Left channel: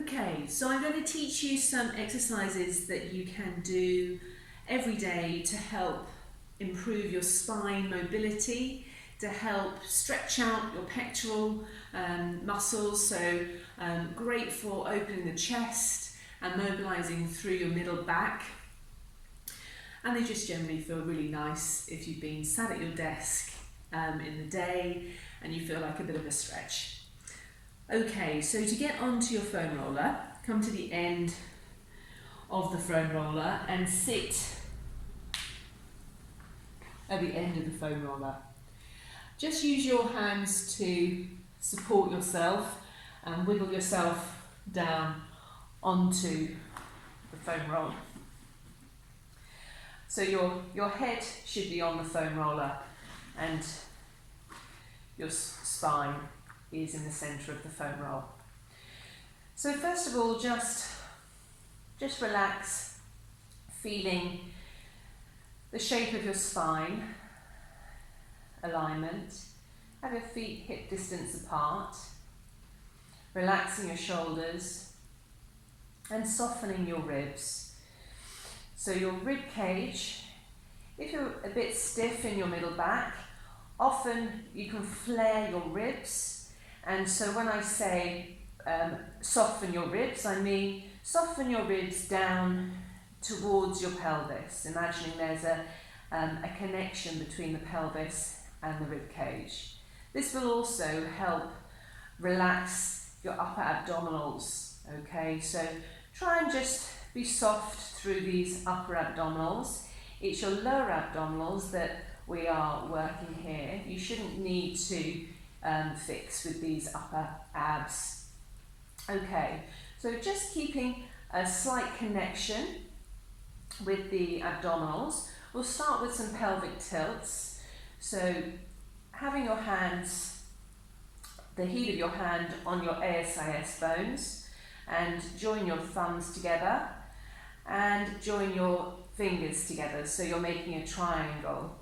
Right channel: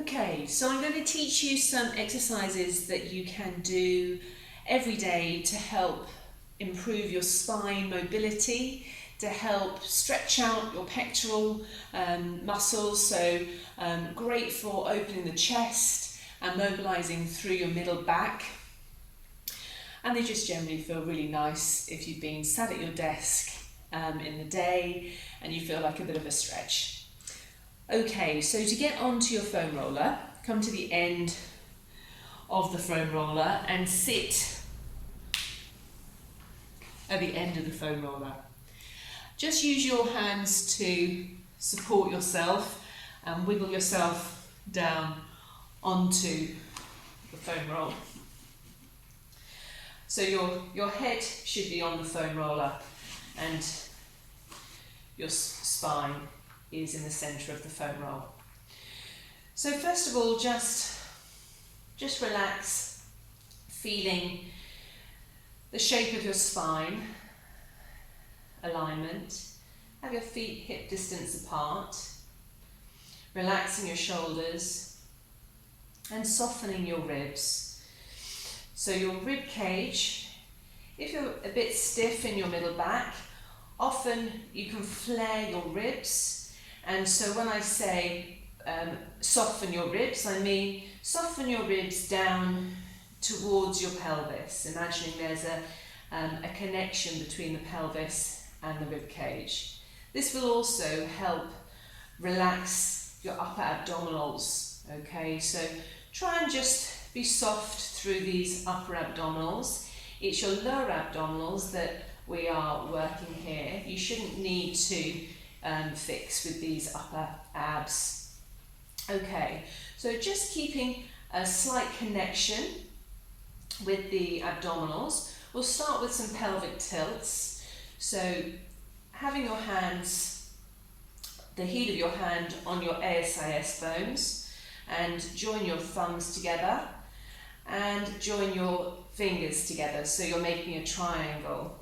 Okay, so I'm going to teach you some exercises that you can do every day to help improve your spine mobility, to help stretch out your pectoral muscles, so great for opening the chest and mobilizing through your middle back. And they just generally feel really nice if you've been sat at your desk in the day and you feel like a bit of a stretch. Okay, so to get onto your foam roller, come to the end of the foam roller and sit at the end of the foam roller. Just use your hands to support yourself and wiggle yourself down onto the foam roll. So your head should be on the foam roller and your spine is in the centre of the foam roll. So first of all, just relax, feeling the shape of your spine, alignment. Have your feet hip distance apart, relaxing your shoulders and softening your ribs. So your rib cage, if you're a bit stiff in your middle back, often you can flare your ribs. And so when I say soften your ribs, I mean soften your ribs down towards your pelvis, imagining there's a connection between the pelvis and the rib cage. This will also help relax your upper abdominals, okay? So try and just be soft through these upper abdominals. It's your lower abdominals that we are working here. You shouldn't need to fix with these upper abs. Okay, so just keeping a slight connection with the abdominals. We'll start with some pelvic tilts. So having your hands, the heel of your hand on your ASIS bones, and join your thumbs together and join your fingers together, so you're making a triangle.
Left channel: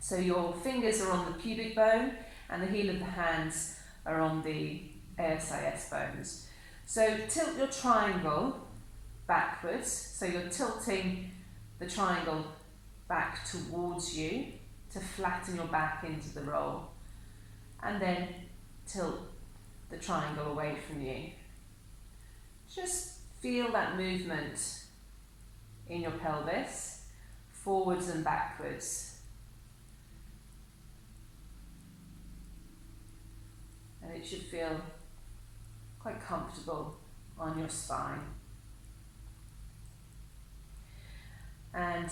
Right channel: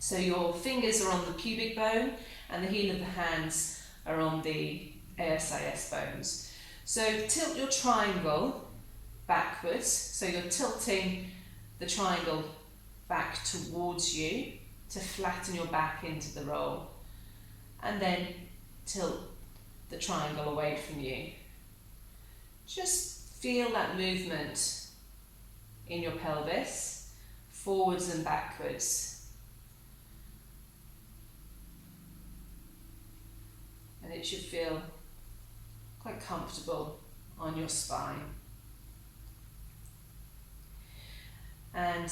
So your fingers are on the pubic bone and the heel of the hands are on the ASIS bones. So tilt your triangle backwards, so you're tilting the triangle back towards you to flatten your back into the roll, and then tilt the triangle away from you. Just feel that movement in your pelvis, forwards and backwards. And it should feel quite comfortable on your spine. And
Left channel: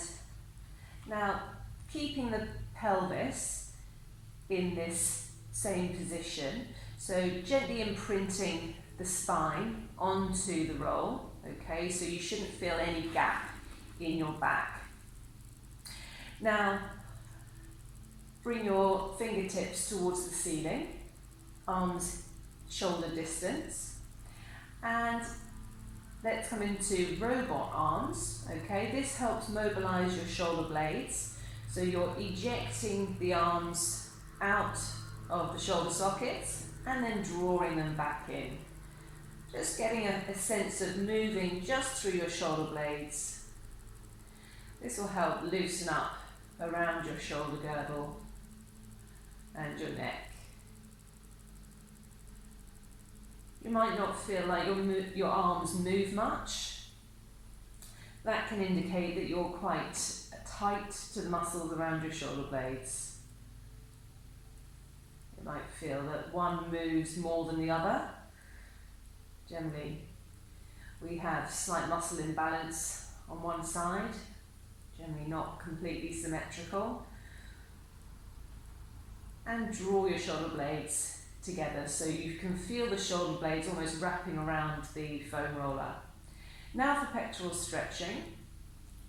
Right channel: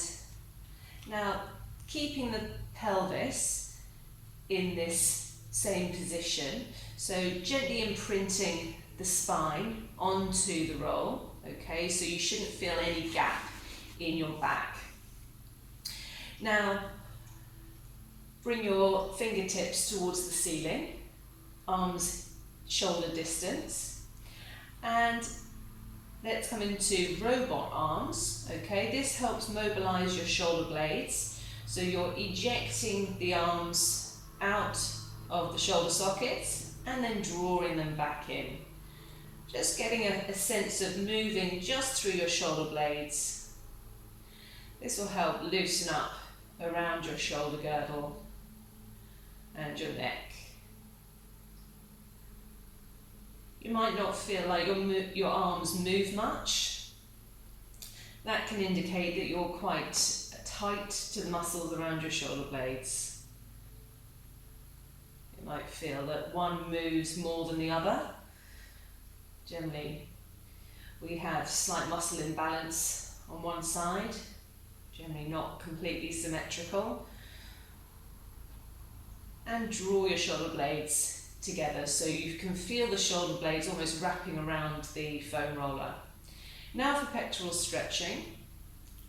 now, keeping the pelvis in this same position, so gently imprinting the spine onto the roll, okay, so you shouldn't feel any gap in your back. Now, bring your fingertips towards the ceiling, arms shoulder distance, and let's come into robot arms, okay. This helps mobilize your shoulder blades, so you're ejecting the arms out of the shoulder sockets and then drawing them back in. Just getting a sense of moving just through your shoulder blades. This will help loosen up around your shoulder girdle and your neck. You might not feel like your arms move much. That can indicate that you're quite tight to the muscles around your shoulder blades. You might feel that one moves more than the other. Generally, we have slight muscle imbalance on one side, generally not completely symmetrical. And draw your shoulder blades together so you can feel the shoulder blades almost wrapping around the foam roller. Now for pectoral stretching.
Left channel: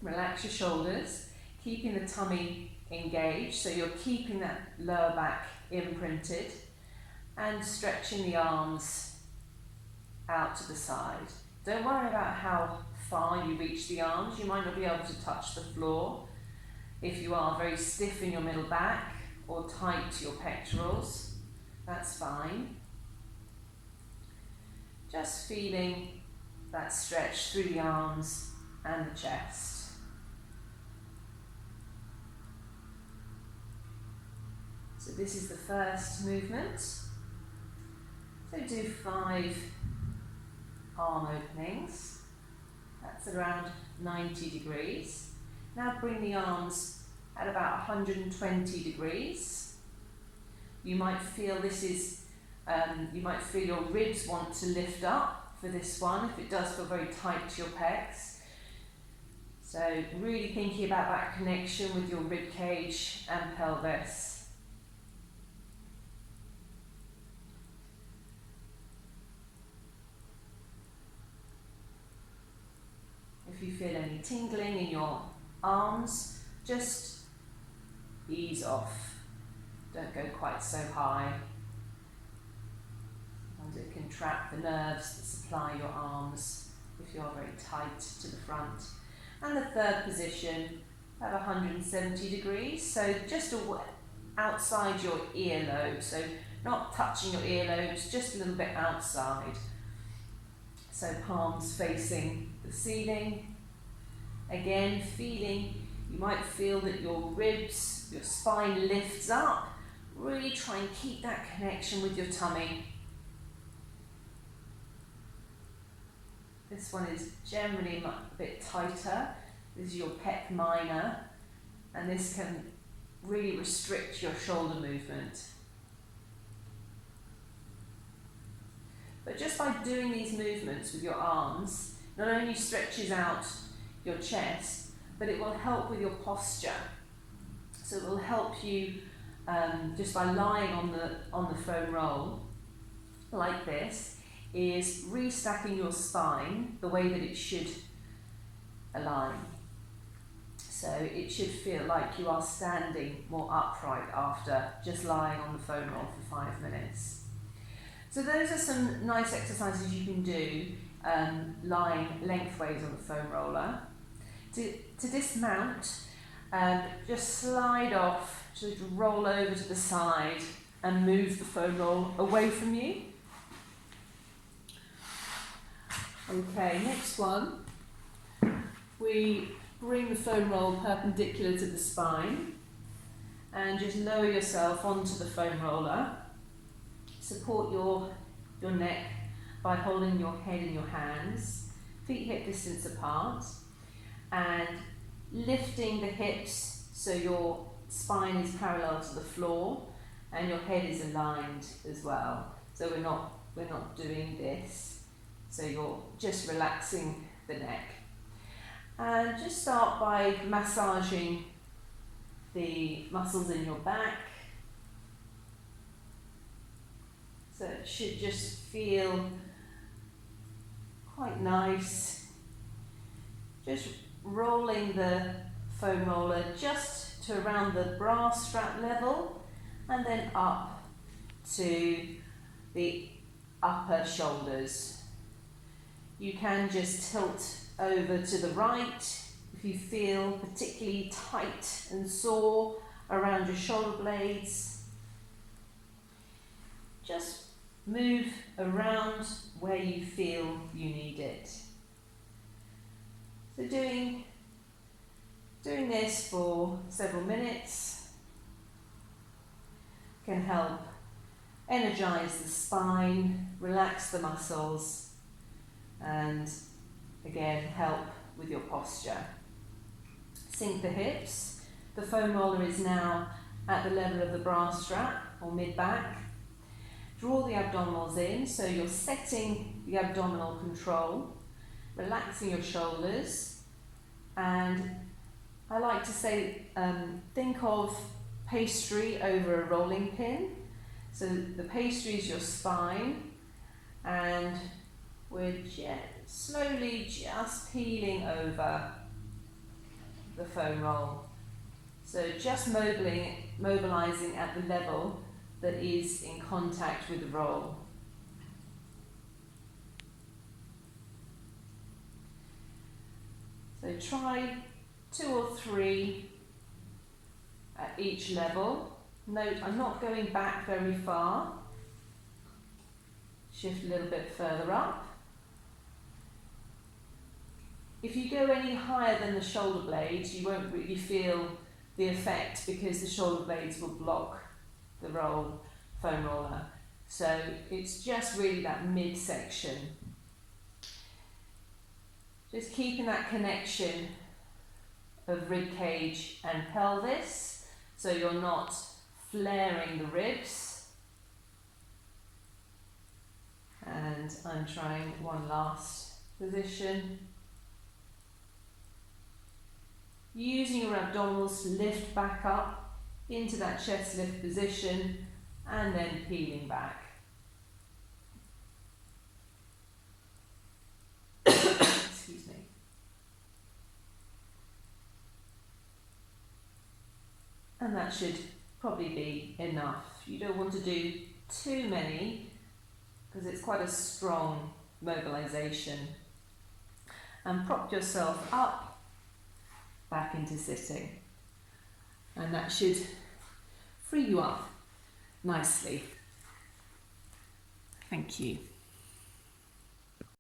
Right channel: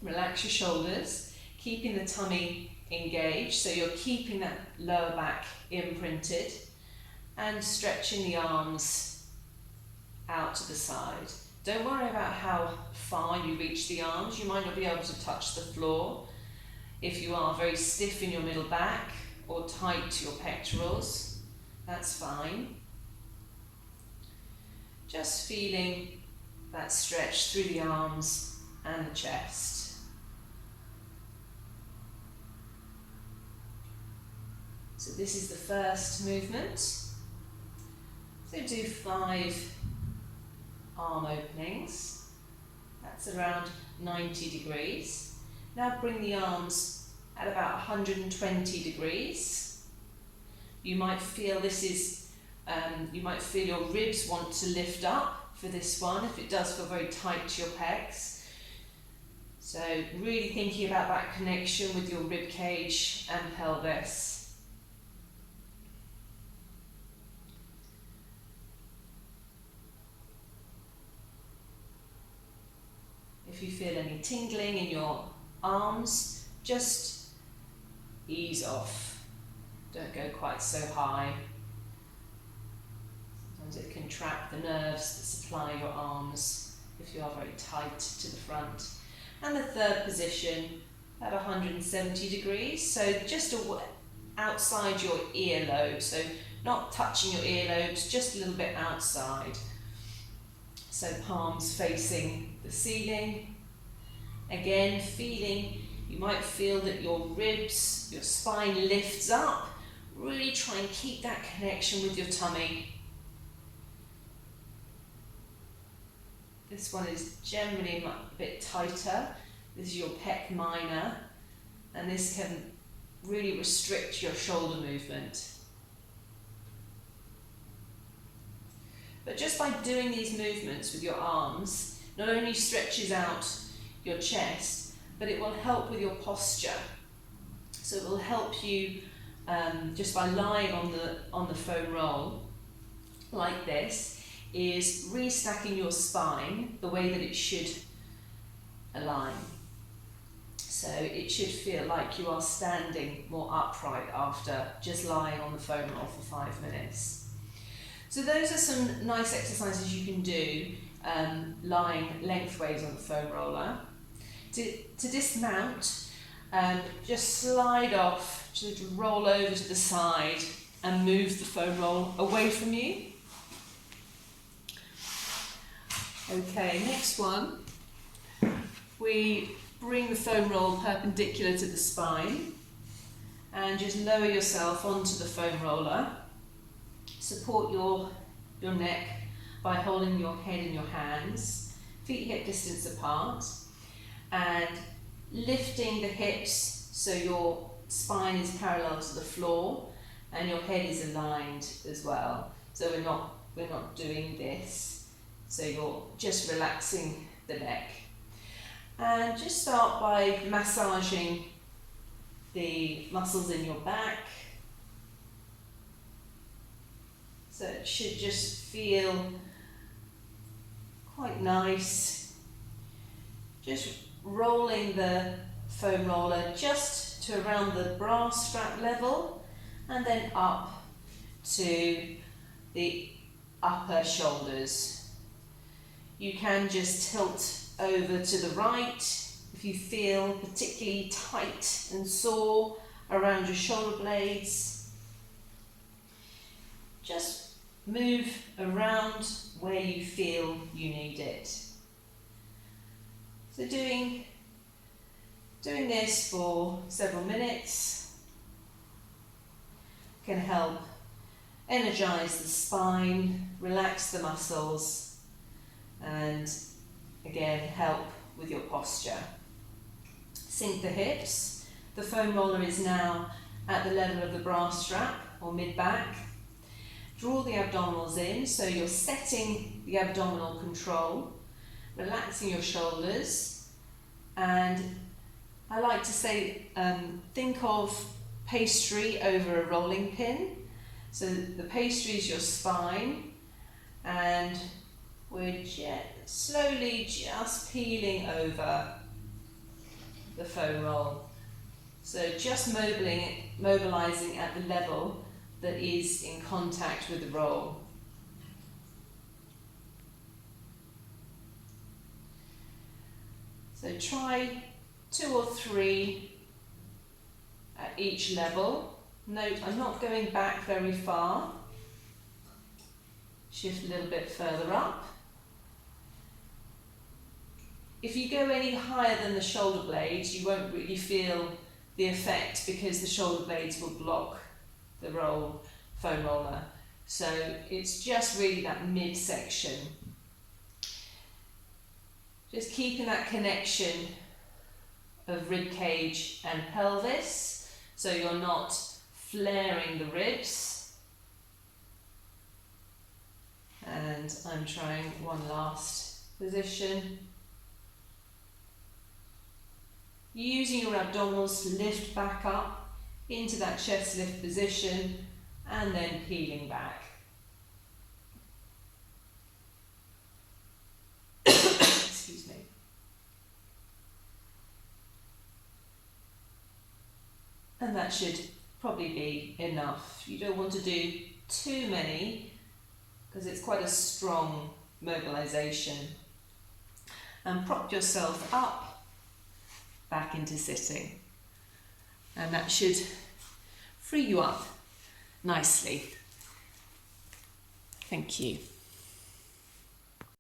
Relax your shoulders, keeping the tummy engaged, so you're keeping that lower back imprinted, and stretching the arms out to the side. Don't worry about how far you reach the arms. You might not be able to touch the floor if you are very stiff in your middle back or tight to your pectorals. That's fine. Just feeling that stretch through the arms and the chest. So this is the first movement. So do 5 arm openings. That's around 90 degrees. Now bring the arms at about 120 degrees. You might feel this is, you might feel your ribs want to lift up for this one, if it does feel very tight to your pecs. So really thinking about that connection with your rib cage and pelvis. If you feel any tingling in your arms, just ease off. Don't go quite so high. Sometimes it can trap the nerves that supply your arms if you are very tight to the front. And the third position at 170 degrees, so just outside your earlobe, so not touching your earlobes, just a little bit outside. So palms facing the ceiling. Again, feeling, you might feel that your ribs, your spine lifts up. Really try and keep that connection with your tummy. This one is generally a bit tighter. This is your pec minor, and this can really restrict your shoulder movement. But just by doing these movements with your arms, not only stretches out your chest, but it will help with your posture. So it will help you just by lying on the foam roll like this, is restacking your spine the way that it should align. So it should feel like you are standing more upright after just lying on the foam roll for 5 minutes. So those are some nice exercises you can do lying lengthways on the foam roller. To dismount, just slide off, just roll over to the side and move the foam roll away from you. Okay, next one. We bring the foam roll perpendicular to the spine and just lower yourself onto the foam roller. Support your neck by holding your head in your hands, feet hip distance apart, and lifting the hips so your spine is parallel to the floor and your head is aligned as well. So we're not doing this. So you're just relaxing the neck. And just start by massaging the muscles in your back. So it should just feel quite nice. Just rolling the foam roller just to around the bra strap level and then up to the upper shoulders. You can just tilt over to the right if you feel particularly tight and sore around your shoulder blades. Just move around where you feel you need it. So doing this for several minutes can help energize the spine, relax the muscles, and again help with your posture. Sink the hips. The foam roller is now at the level of the bra strap or mid-back. Draw the abdominals in, so you're setting the abdominal control, relaxing your shoulders, and I like to say think of pastry over a rolling pin. So the pastry is your spine, and we're slowly just peeling over the foam roll. So just mobilizing at the level that is in contact with the roll. So try 2 or 3 at each level. Note, I'm not going back very far. Shift a little bit further up. If you go any higher than the shoulder blades, you won't really feel the effect because the shoulder blades will block the foam roller. So it's just really that midsection. Just keeping that connection of rib cage and pelvis, so you're not flaring the ribs. And I'm trying one last position. Using your abdominals to lift back up into that chest lift position and then peeling back. Excuse me. And that should probably be enough. You don't want to do too many because it's quite a strong mobilization. And prop yourself up back into sitting. And that should free you up nicely. Thank you.